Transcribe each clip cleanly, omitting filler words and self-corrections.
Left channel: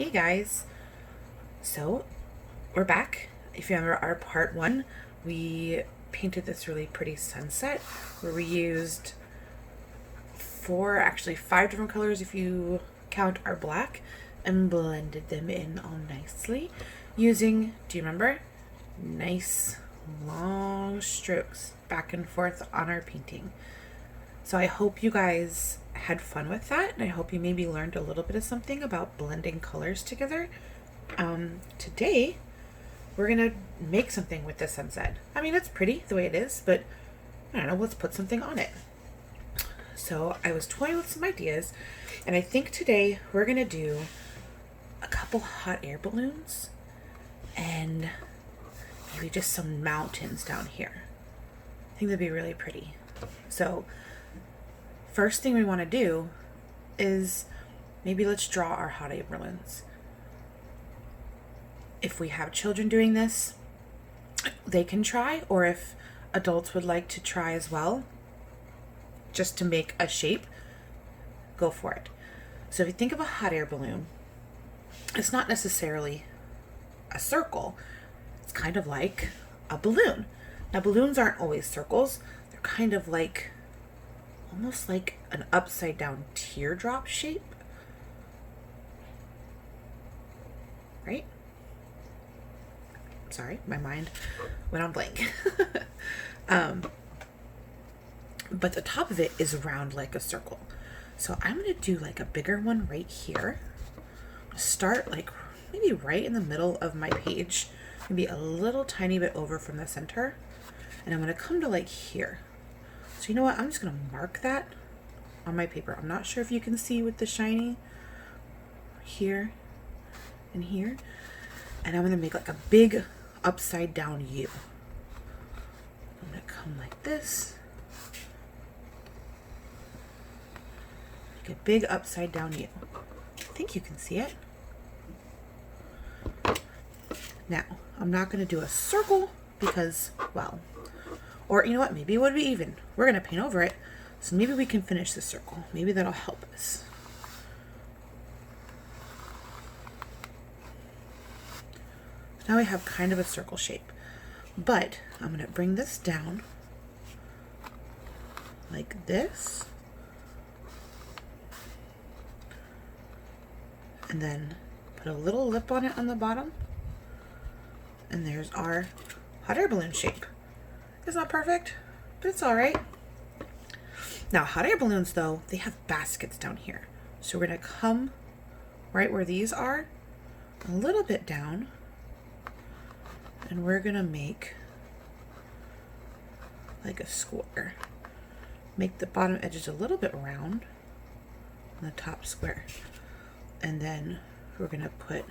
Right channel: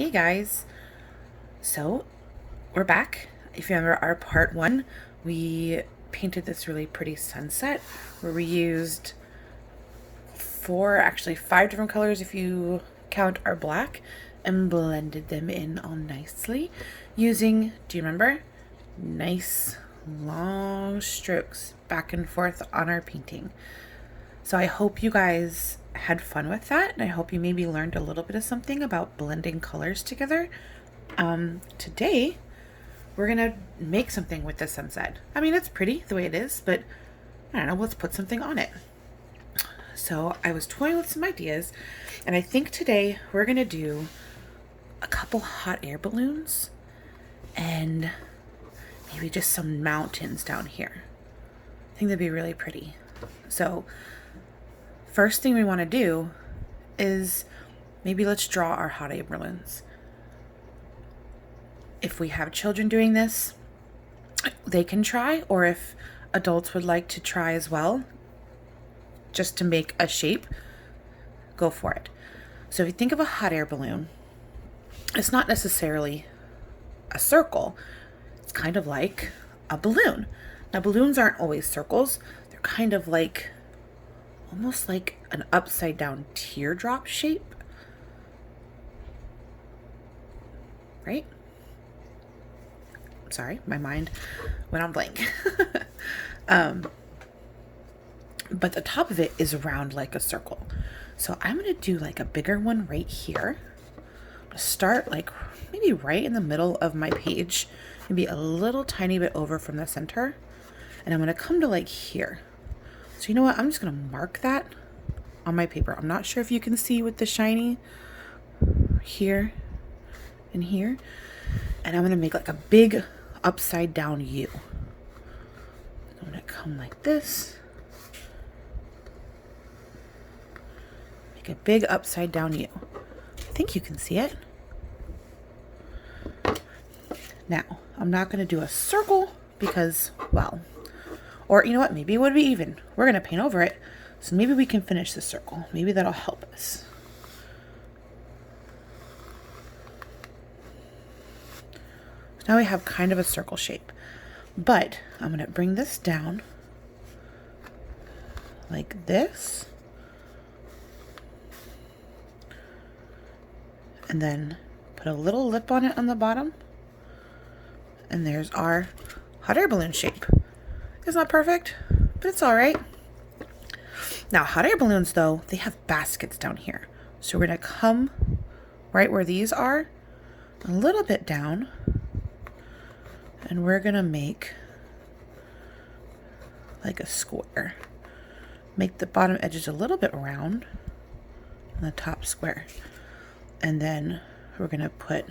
Hey guys, so we're back. If you remember our part one, we painted this really pretty sunset where we used actually five different colors if you count our black, and blended them in all nicely using, do you remember? Nice long strokes back and forth on our painting. So I hope you guys had fun with that, and I hope you maybe learned a little bit of something about blending colors together. Today, we're gonna make something with the sunset. I mean, it's pretty the way it is, but I don't know, let's put something on it. So I was toying with some ideas, and I think today we're gonna do a couple hot air balloons and maybe just some mountains down here. I think that'd be really pretty. So first thing we want to do is maybe let's draw our hot air balloons. If we have children doing this, they can try, or if adults would like to try as well, just to make a shape, go for it. So if you think of a hot air balloon, it's not necessarily a circle. It's kind of like a balloon. Now, balloons aren't always circles. They're kind of like, almost like an upside down teardrop shape, right? Sorry, my mind went on blank. But the top of it is round like a circle. So I'm gonna do like a bigger one right here. Start like maybe right in the middle of my page, maybe a little tiny bit over from the center. And I'm gonna come to like here. So you know what, I'm just gonna mark that on my paper. I'm not sure if you can see with the shiny here and here. And I'm gonna make like a big upside down U. I'm gonna come like this. Make a big upside down U. I think you can see it. Now, I'm not gonna do a circle because, well, or you know what, maybe it would be even. We're gonna paint over it, so maybe we can finish the circle. Maybe that'll help us. Now we have kind of a circle shape, but I'm gonna bring this down like this, and then put a little lip on it on the bottom, and there's our hot air balloon shape. It's not perfect, but it's all right. Now, hot air balloons, though, they have baskets down here. So we're gonna come right where these are, a little bit down, and we're gonna make like a square. Make the bottom edges a little bit round and the top square. And then we're gonna put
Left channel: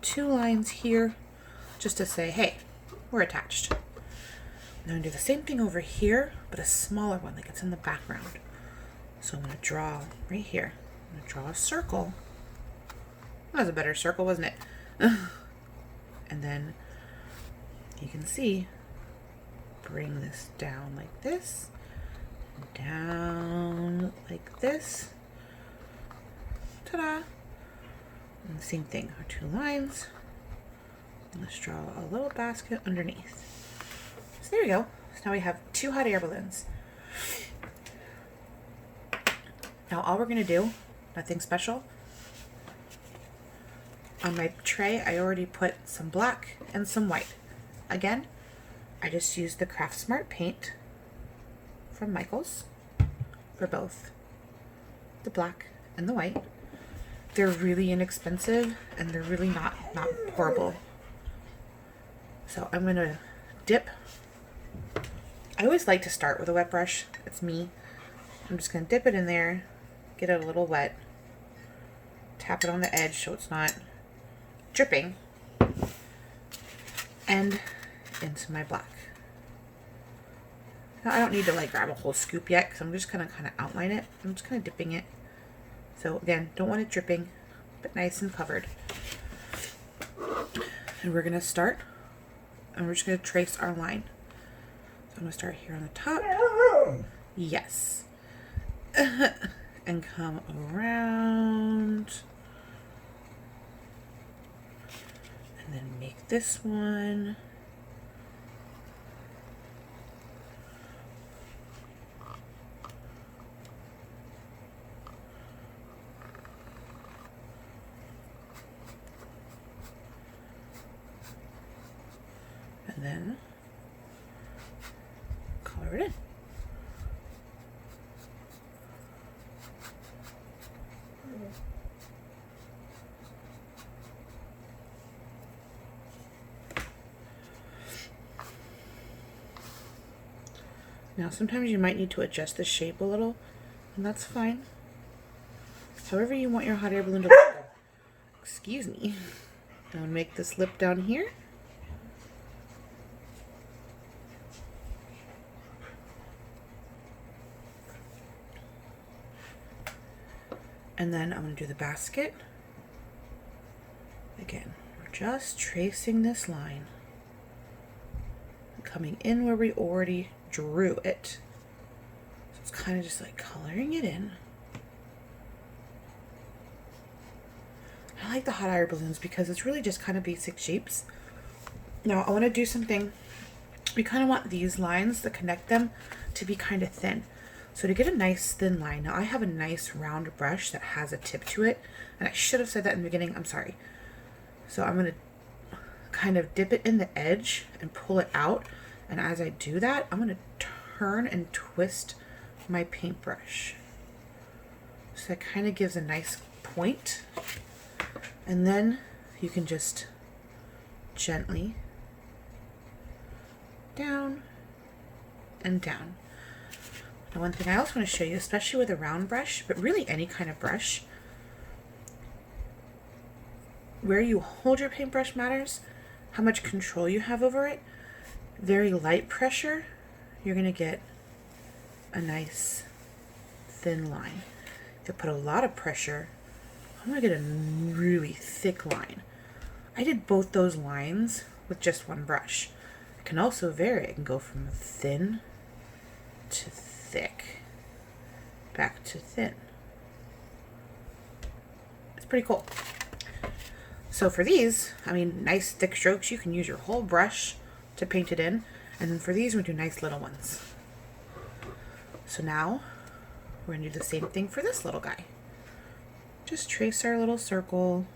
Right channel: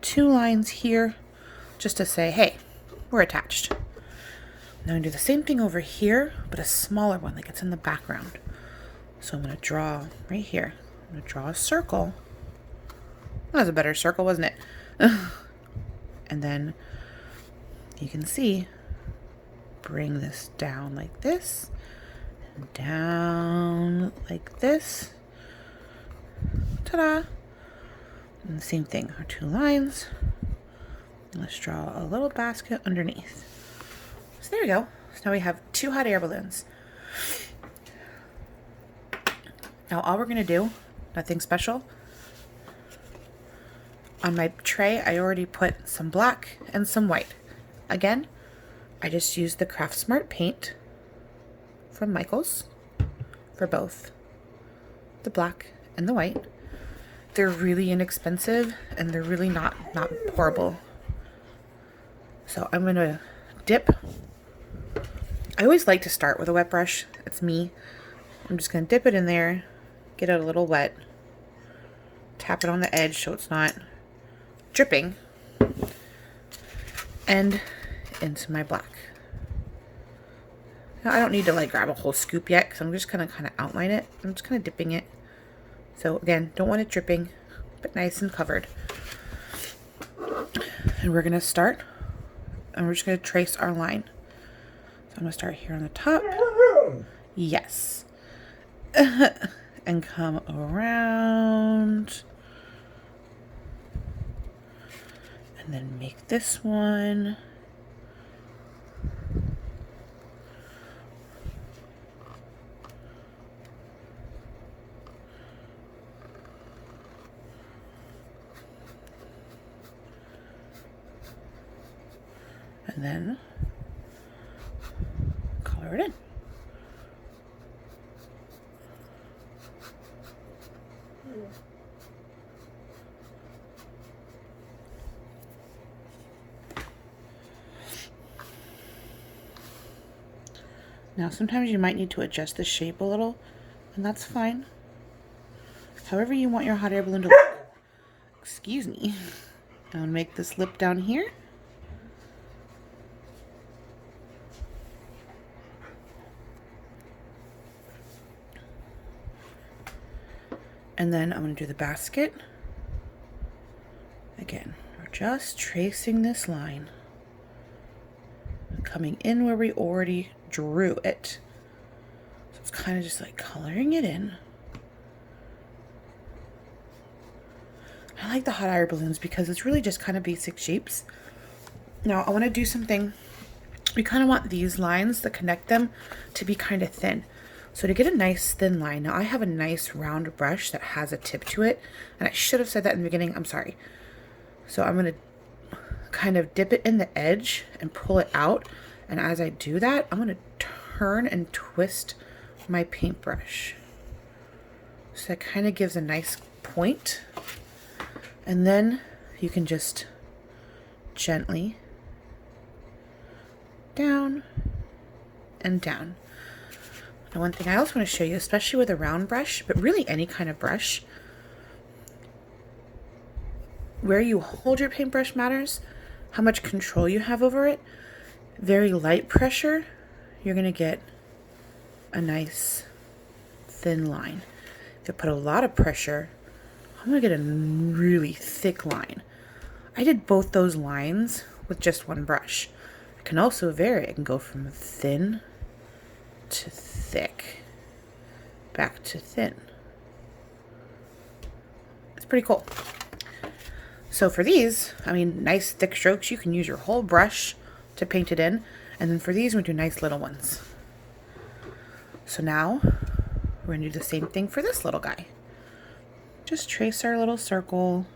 two lines here just to say, hey, we're attached. Now I'm gonna do the same thing over here, but a smaller one, like it's in the background. So I'm gonna draw right here. I'm gonna draw a circle. That was a better circle, wasn't it? And then you can see, bring this down like this, and down like this. Ta-da! And the same thing, our two lines. And let's draw a little basket underneath. So there we go. So now we have two hot air balloons. Now all we're gonna do, nothing special. On my tray, I already put some black and some white. Again, I just used the Craft Smart paint from Michaels for both the black and the white. They're really inexpensive and they're really not pourable. So I'm gonna dip. I always like to start with a wet brush. It's me. I'm just gonna dip it in there, get it a little wet, tap it on the edge so it's not dripping, and into my black. Now I don't need to like grab a whole scoop yet because I'm just gonna kind of outline it. I'm just kind of dipping it. So again, don't want it dripping, but nice and covered. And we're gonna start, and we're just gonna trace our line. So I'm gonna start here on the top. Yes. And come around And then make this one. And then color it in. Now sometimes you might need to adjust the shape a little, and that's fine. However you want your hot air balloon to look. Excuse me. I'll make this lip down here. And then I'm going to do the basket. Again, we're just tracing this line. Coming in where we already drew it. So it's kind of just like coloring it in. I like the hot air balloons because it's really just kind of basic shapes. Now I want to do something. We kind of want these lines that connect them to be kind of thin. So to get a nice thin line, now I have a nice round brush that has a tip to it, and I should have said that in the beginning, I'm sorry. So I'm going to kind of dip it in the edge and pull it out, and as I do that, I'm going to turn and twist my paintbrush. So that kind of gives a nice point, and then you can just gently down and down. Now one thing I also want to show you, especially with a round brush, but really any kind of brush, where you hold your paintbrush matters, how much control you have over it. Very light pressure, you're going to get a nice thin line. If you put a lot of pressure, I'm going to get a really thick line. I did both those lines with just one brush. I can also vary. I can go from thin to thick, back to thin. It's pretty cool. So for these, I mean, nice thick strokes, you can use your whole brush to paint it in. And then for these, we do nice little ones. So now we're going to do the same thing for this little guy. Just trace our little circle,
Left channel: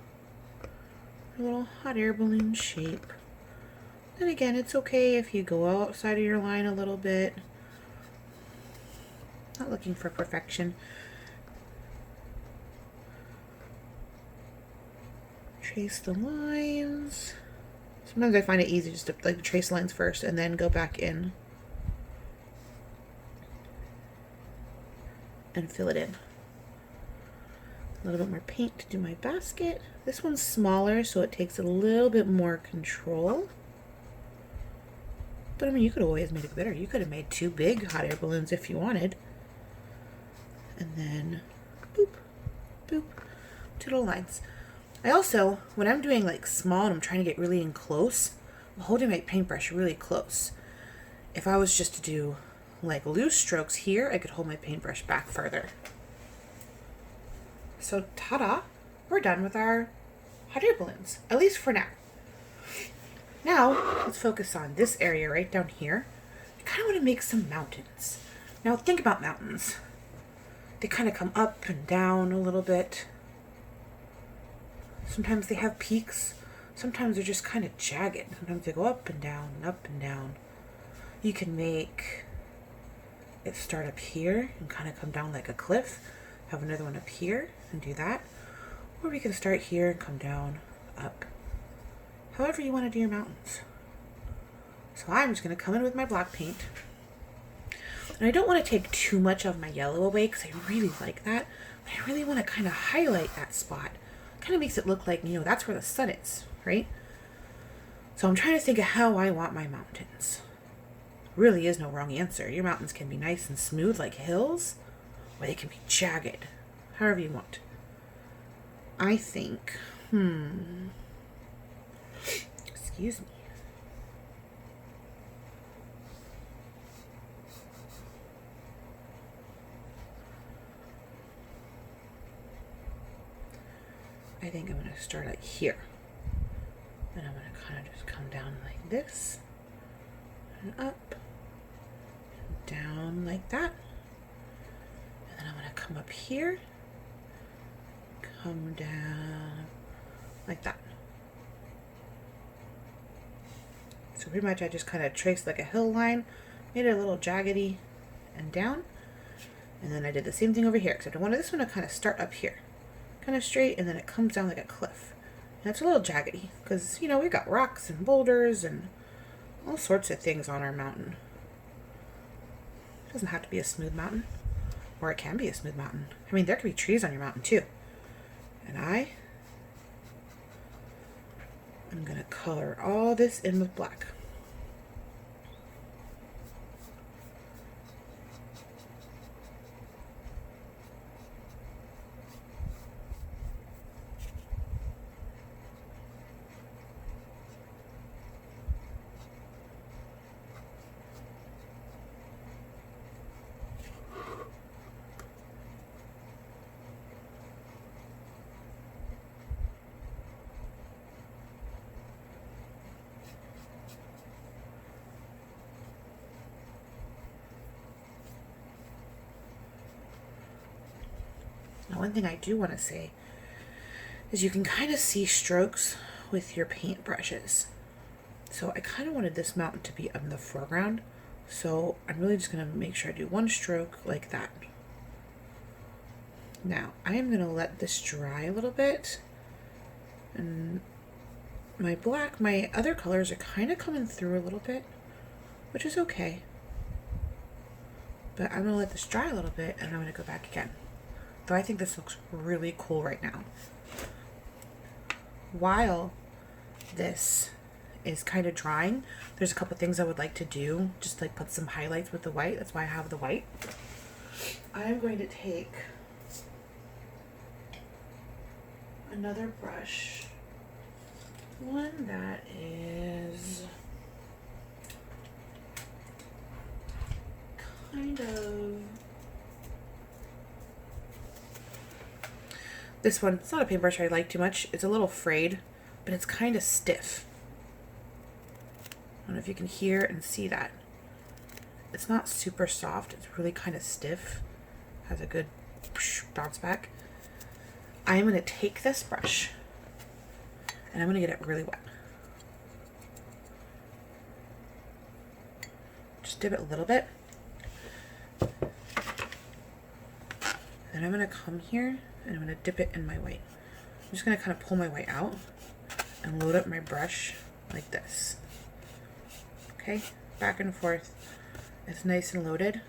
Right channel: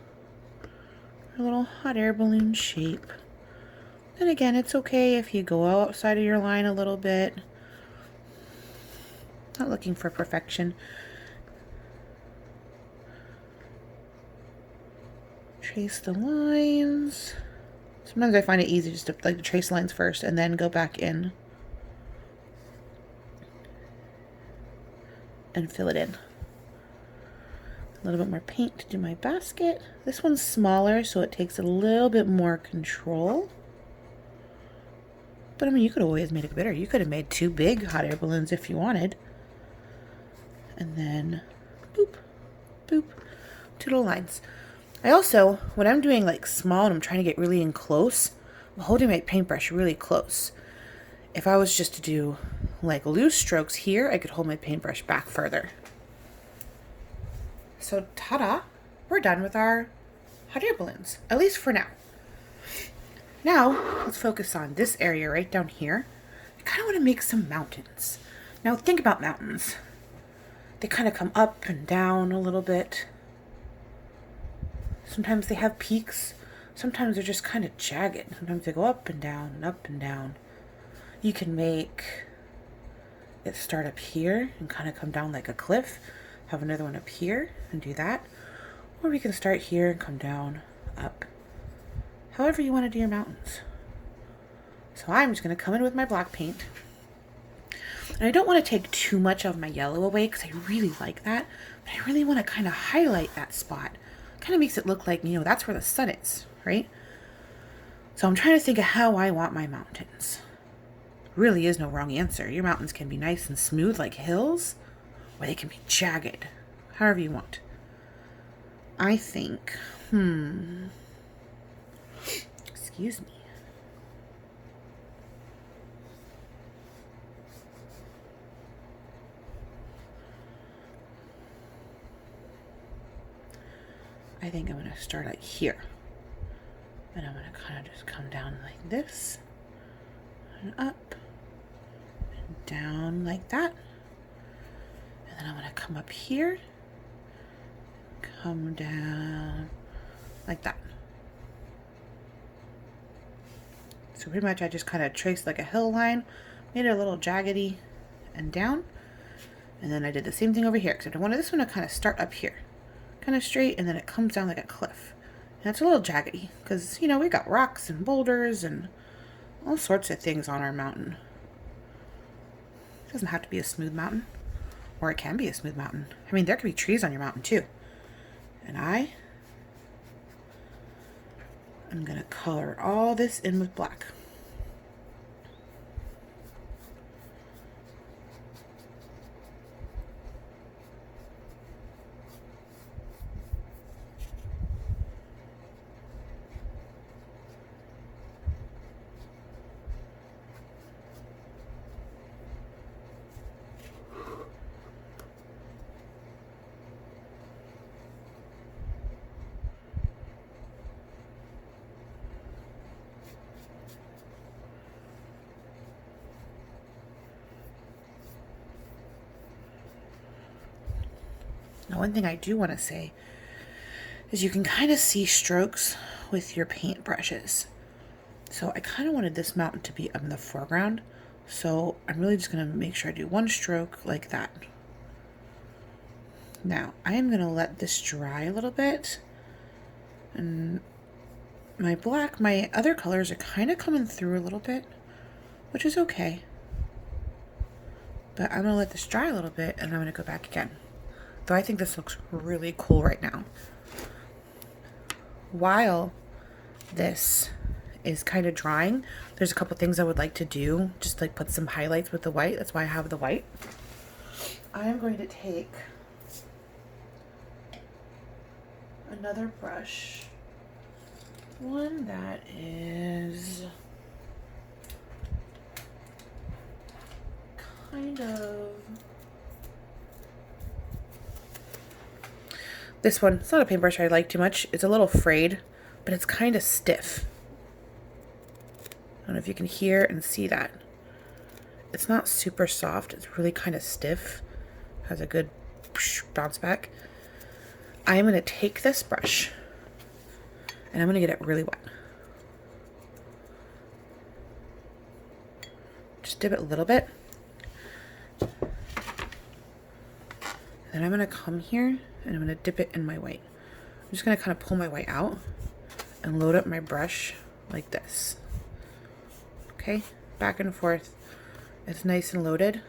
our little hot air balloon shape. And again, it's okay if you go outside of your line a little bit. Not looking for perfection. Trace the lines. Sometimes I find it easy just to like trace lines first and then go back in and fill it in. A little bit more paint to do my basket. This one's smaller, so it takes a little bit more control. But I mean, you could always make it bigger. You could have made 2 big hot air balloons if you wanted. And then boop, boop, 2 little lines. I also, when I'm doing like small and I'm trying to get really in close, I'm holding my paintbrush really close. If I was just to do like loose strokes here, I could hold my paintbrush back further. So ta-da, we're done with our hot air balloons, at least for now. Now, let's focus on this area right down here. I kind of want to make some mountains. Now think about mountains. They kind of come up and down a little bit. Sometimes they have peaks. Sometimes they're just kind of jagged. Sometimes they go up and down and up and down. You can make it start up here and kind of come down like a cliff. Have another one up here and do that. Or we can start here and come down, up. However you want to do your mountains. So I'm just going to come in with my black paint. And I don't want to take too much of my yellow away because I really like that. But I really want to kind of highlight that spot. Kind of makes it look like, you know, that's where the sun is, right? So I'm trying to think of how I want my mountains. Really is no wrong answer. Your mountains can be nice and smooth like hills, or they can be jagged, however you want. I think, excuse me. I think I'm going to start like here. And I'm going to kind of just come down like this, and up, and down like that. And then I'm going to come up here, come down like that. So pretty much I just kind of traced like a hill line, made it a little jaggedy and down. And then I did the same thing over here, except I wanted this one to kind of start up here, kind of straight, and then it comes down like a cliff. And it's a little jaggedy because, you know, we got rocks and boulders and all sorts of things on our mountain. It doesn't have to be a smooth mountain, or it can be a smooth mountain. I mean, there could be trees on your mountain too. And I'm going to color all this in with black. Now, one thing I do want to say is you can kind of see strokes with your paint brushes. So I kind of wanted this mountain to be in the foreground. So I'm really just going to make sure I do one stroke like that. Now I am going to let this dry a little bit. And my black, my other colors are kind of coming through a little bit, which is okay. But I'm going to let this dry a little bit and I'm going to go back again. Though I think this looks really cool right now. While this is kind of drying, there's a couple things I would like to do, just like put some highlights with the white. That's why I have the white. I'm going to take another brush, one that is kind of this one. It's not a paintbrush I like too much. It's a little frayed, but it's kind of stiff. I don't know if you can hear and see that. It's not super soft. It's really kind of stiff. Has a good bounce back. I'm going to take this brush and I'm going to get it really wet. Just dip it a little bit. Then I'm going to come here and I'm going to dip it in my white. I'm just going to kind of pull my white out and load up my brush like this. Okay, back and forth. It's nice and loaded.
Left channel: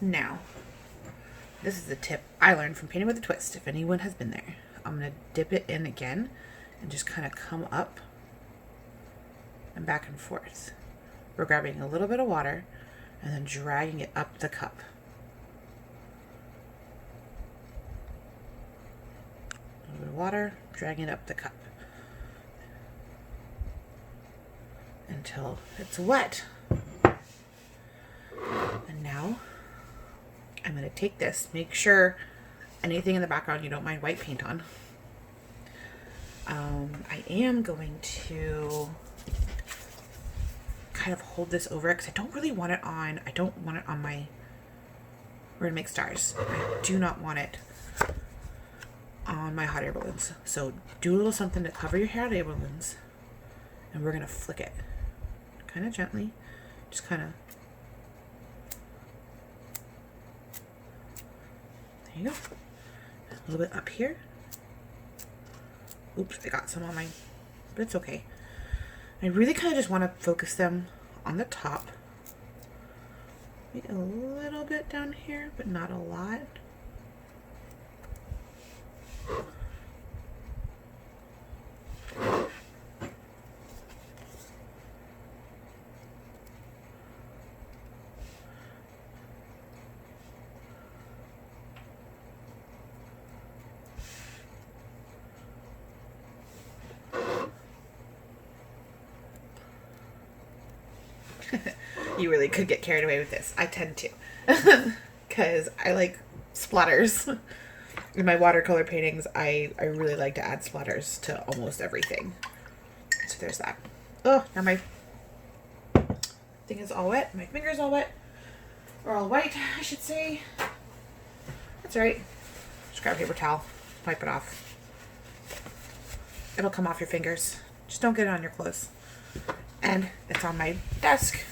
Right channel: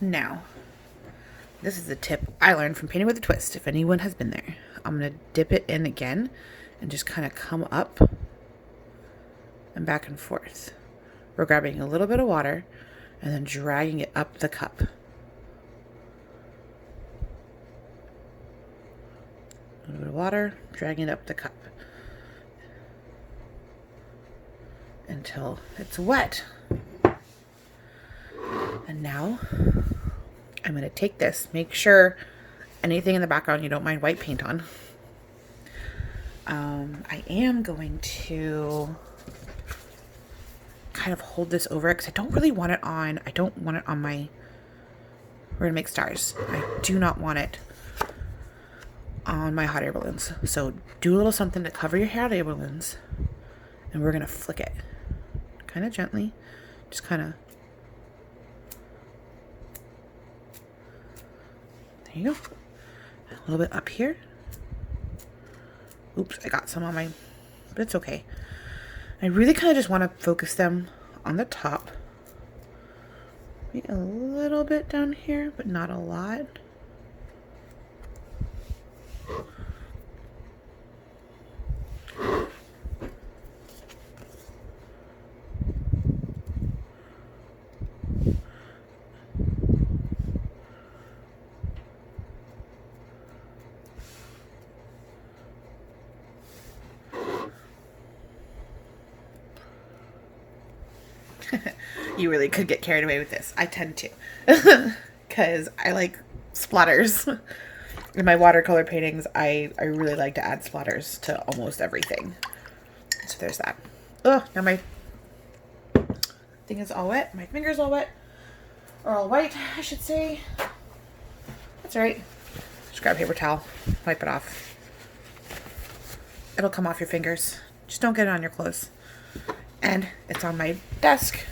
Now, this is a tip I learned from Painting with a Twist. If anyone has been there, I'm going to dip it in again and just kind of come up and back and forth. We're grabbing a little bit of water and then dragging it up the cup. A little bit of water, dragging it up the cup until it's wet. And now I'm going to take this, make sure anything in the background you don't mind white paint on. I am going to kind of hold this over it because I don't really want it on, my, we're going to make stars. I do not want it on my hot air balloons. So do a little something to cover your hot air balloons and we're going to flick it kind of gently, just kind of. There you go. A little bit up here. Oops, I got some on my, but it's okay. I really kind of just want to focus them on the top. Maybe a little bit down here, but not a lot. You really could get carried away with this. I tend to, because I like splatters. In my watercolor paintings, I really like to add splatters to almost everything. So there's that. Oh, now my thing is all wet. My finger's all wet. Or all white, I should say. That's all right. Just grab a paper towel, wipe it off. It'll come off your fingers. Just don't get it on your clothes. And it's on my desk.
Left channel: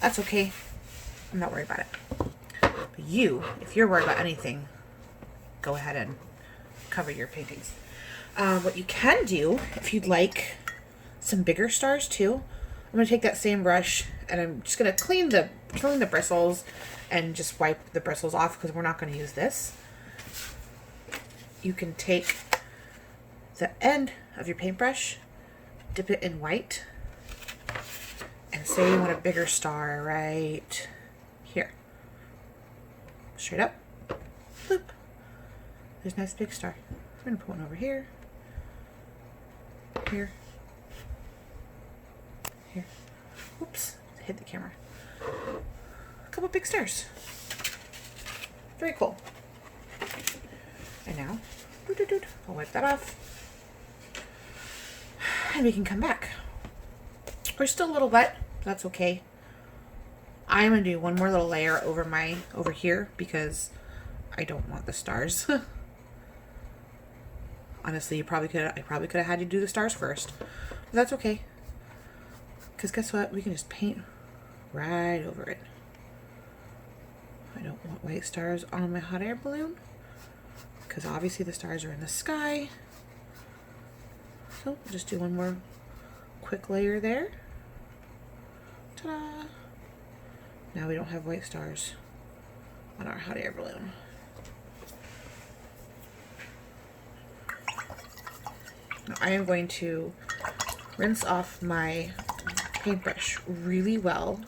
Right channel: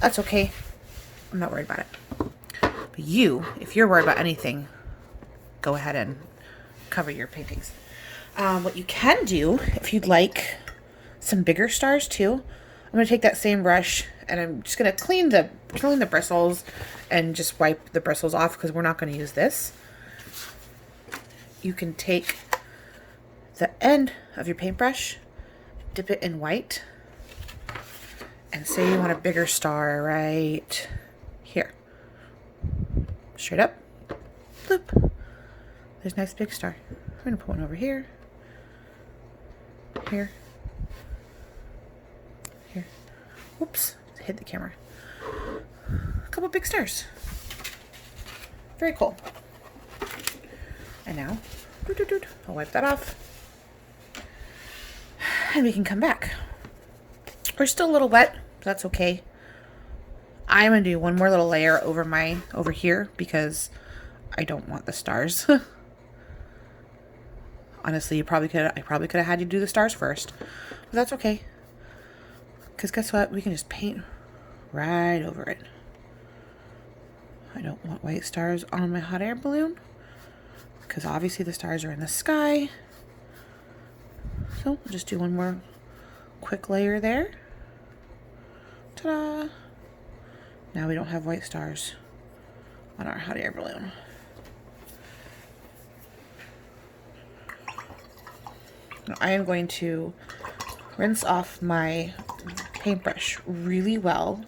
That's okay. I'm not worried about it. But you, if you're worried about anything, go ahead and cover your paintings. What you can do, if you'd like some bigger stars too, I'm going to take that same brush and I'm just going to clean the bristles and just wipe the bristles off because we're not going to use this. You can take the end of your paintbrush, dip it in white, and say you want a bigger star right here. Straight up. Bloop. There's a nice big star. I'm going to put one over here. Here. Here. Oops. Hit the camera. A couple big stars. Very cool. And now, I'll wipe that off. And we can come back. We're still a little wet. That's okay. I'm going to do one more little layer over here because I don't want the stars. Honestly, I probably could have had you do the stars first. But that's okay. Because guess what? We can just paint right over it. I don't want white stars on my hot air balloon. Because obviously the stars are in the sky. So I'll just do one more quick layer there. Ta-da! Now we don't have white stars on our hot air balloon. Now I am going to rinse off my paintbrush really well.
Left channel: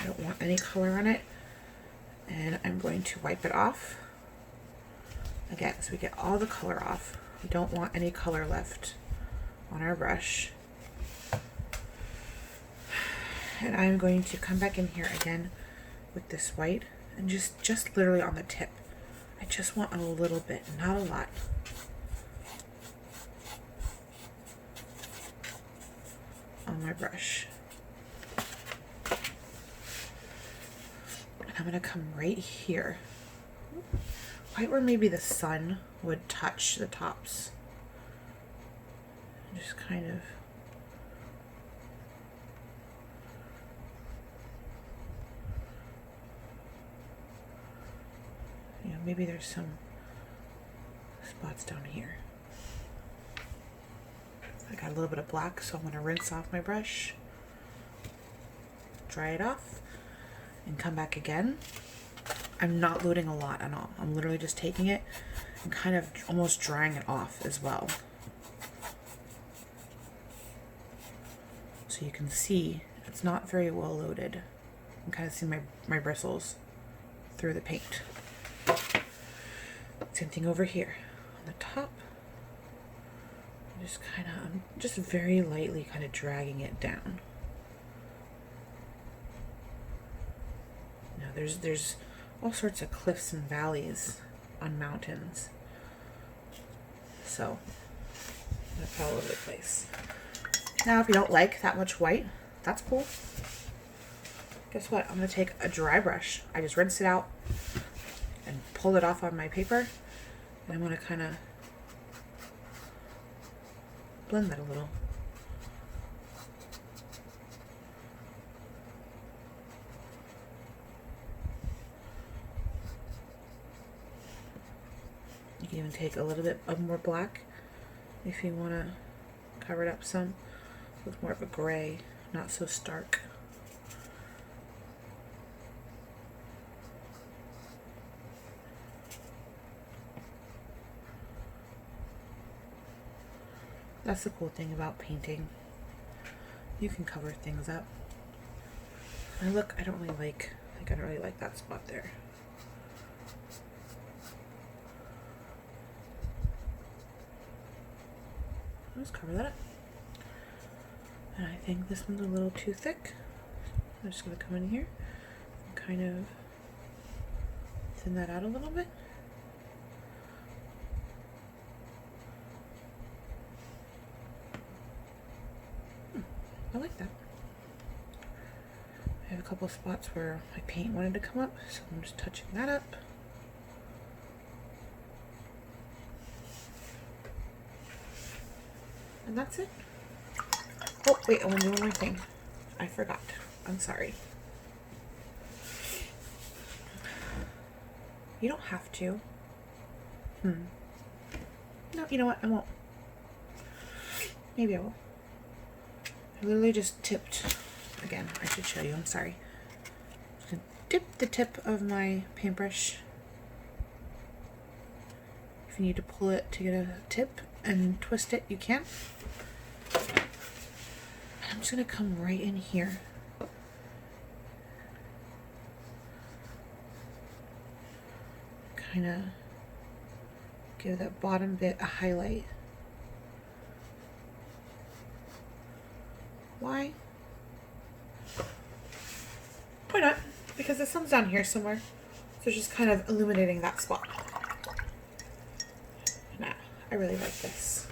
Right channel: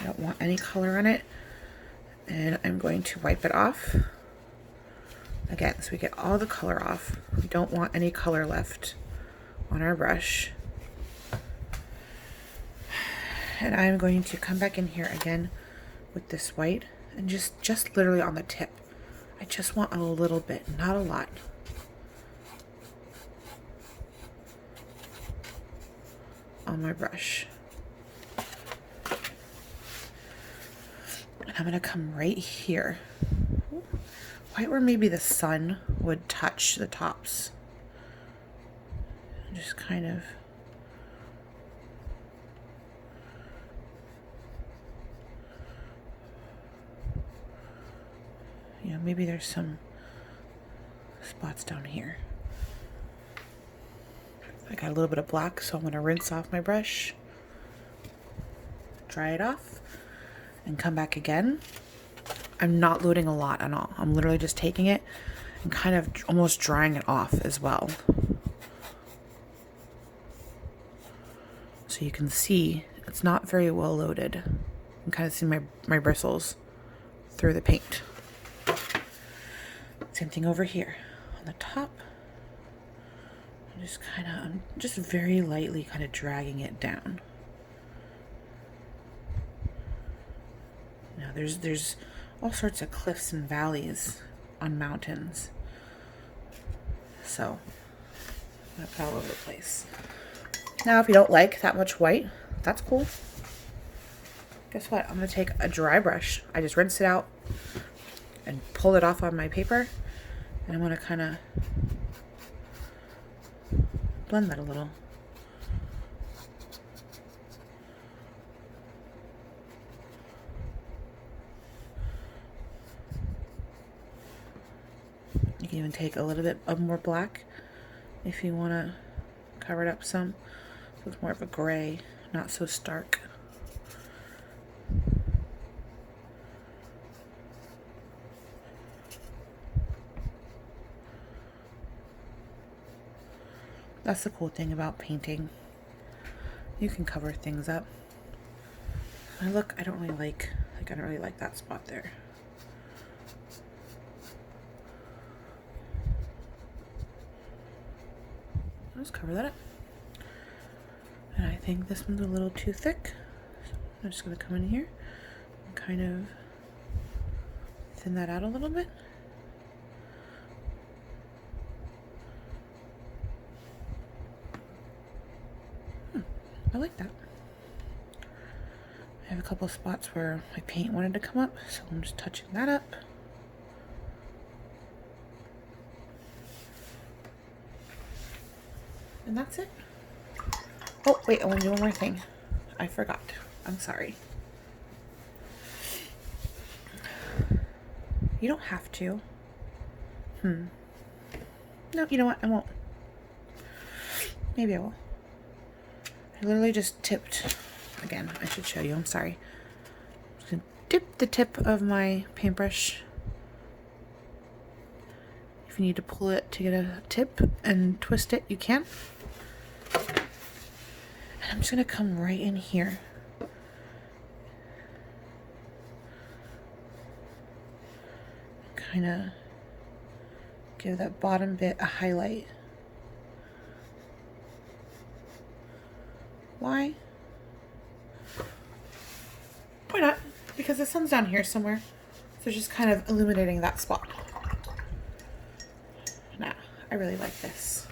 I don't want any color on it. And I'm going to wipe it off. Again, so we get all the color off. We don't want any color left on our brush. And I'm going to come back in here again with this white and just literally on the tip. I just want a little bit, not a lot. On my brush. And I'm going to come right here. Right where maybe the sun would touch the tops. Just kind of maybe there's some spots down here. I got a little bit of black, so I'm going to rinse off my brush, dry it off, and come back again. I'm not loading a lot at all. I'm literally just taking it and kind of almost drying it off as well. So you can see it's not very well loaded. You can kind of see my bristles through the paint. Same thing over here on the top. I'm just very lightly kind of dragging it down. Now there's all sorts of cliffs and valleys on mountains. So I'm gonna put all over the place. Now if you don't like that much white, that's cool. Guess what? I'm gonna take a dry brush. I just rinsed it out and pulled it off on my paper. And I'm gonna kind of blend that a little. You can even take a little bit of more black if you want to cover it up some. So it's more of a gray, not so stark. That's the cool thing about painting. You can cover things up. And look, I don't really like that spot there. I'll just cover that up. And I think this one's a little too thick. I'm just gonna come in here and kind of thin that out a little bit. I like that. I have a couple spots where my paint wanted to come up, so I'm just touching that up. And that's it. Oh, wait, I want to do one more thing. I forgot. I'm sorry. You don't have to. No, you know what? I won't. Maybe I will. I literally just tipped. Again, I should show you. I'm sorry. Just gonna dip the tip of my paintbrush. If you need to pull it to get a tip and twist it, you can. And I'm just gonna come right in here. Kind of give that bottom bit a highlight. Why? Why not? Because the sun's down here somewhere. So just kind of illuminating that spot. Now, I really like this.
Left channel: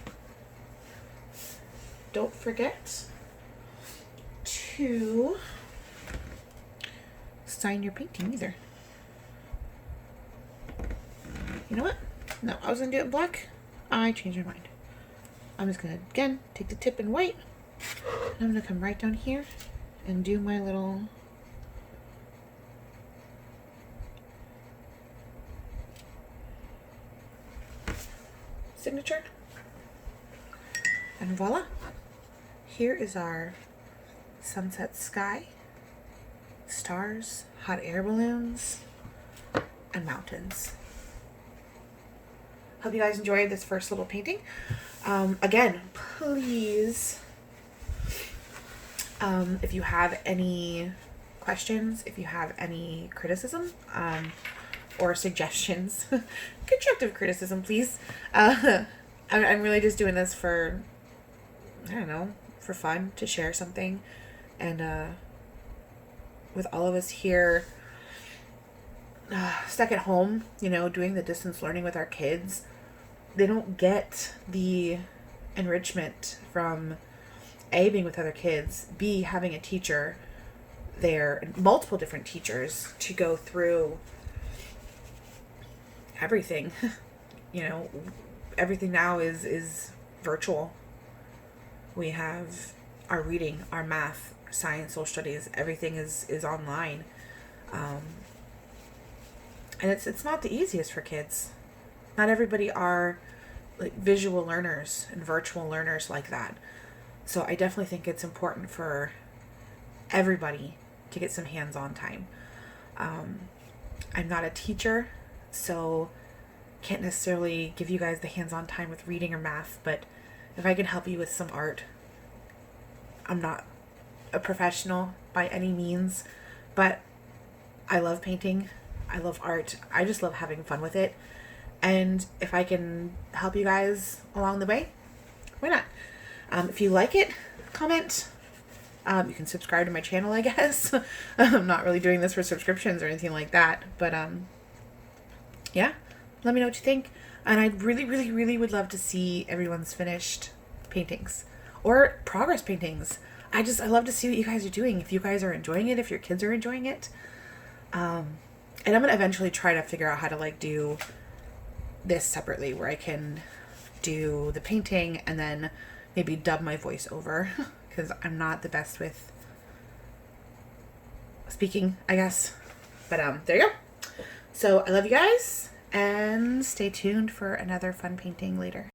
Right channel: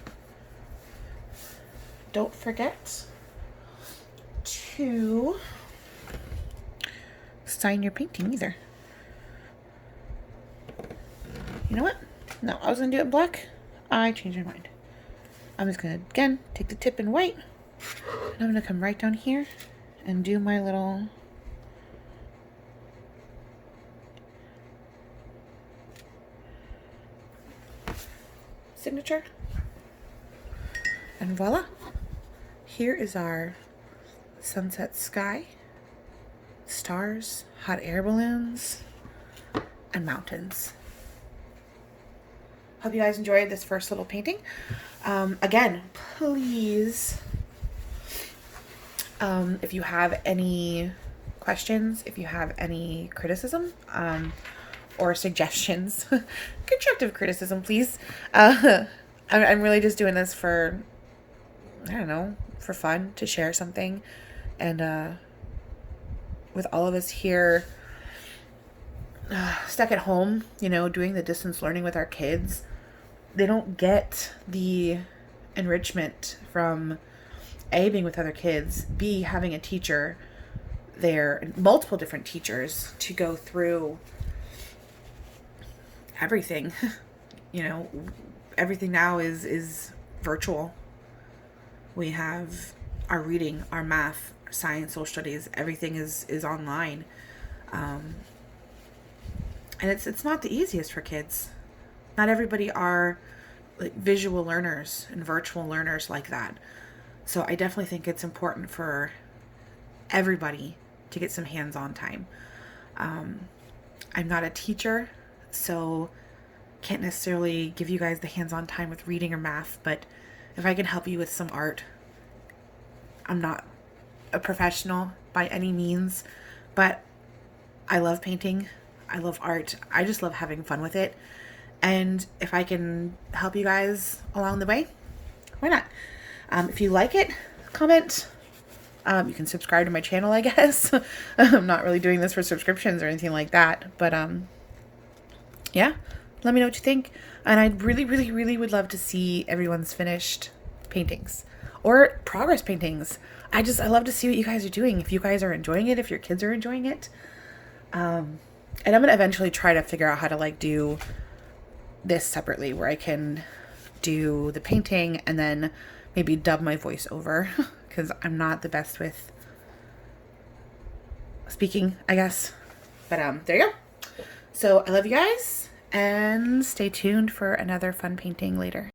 Don't forget to sign your painting either. You know what? No, I was gonna do it in black. I changed my mind. I'm just gonna, again, take the tip in white. And I'm gonna come right down here and do my little signature. And voila. Here is our sunset sky, stars, hot air balloons, and mountains. Hope you guys enjoyed this first little painting. Again, please, if you have any questions, if you have any criticism, or suggestions, constructive criticism, please. I'm really just doing this for, I don't know, for fun, to share something. And with all of us here stuck at home, you know, doing the distance learning with our kids, they don't get the enrichment from A, being with other kids, B, having a teacher there, and multiple different teachers to go through everything. You know, everything now is virtual. We have our reading, our math, science, social studies, everything is online. And it's not the easiest for kids. Not everybody are like visual learners and virtual learners like that. So I definitely think it's important for everybody to get some hands-on time. I'm not a teacher, so can't necessarily give you guys the hands-on time with reading or math, but if I can help you with some art, I'm not a professional by any means, but I love painting. I love art. I just love having fun with it. And if I can help you guys along the way, why not? If you like it, comment. You can subscribe to my channel, I guess. I'm not really doing this for subscriptions or anything like that. But yeah, let me know what you think. And I really, really, really would love to see everyone's finished paintings or progress paintings. I love to see what you guys are doing. If you guys are enjoying it, if your kids are enjoying it. And I'm going to eventually try to figure out how to like do this separately, where I can do the painting and then maybe dub my voice over, because I'm not the best with speaking, I guess. But there you go. So I love you guys, and stay tuned for another fun painting later.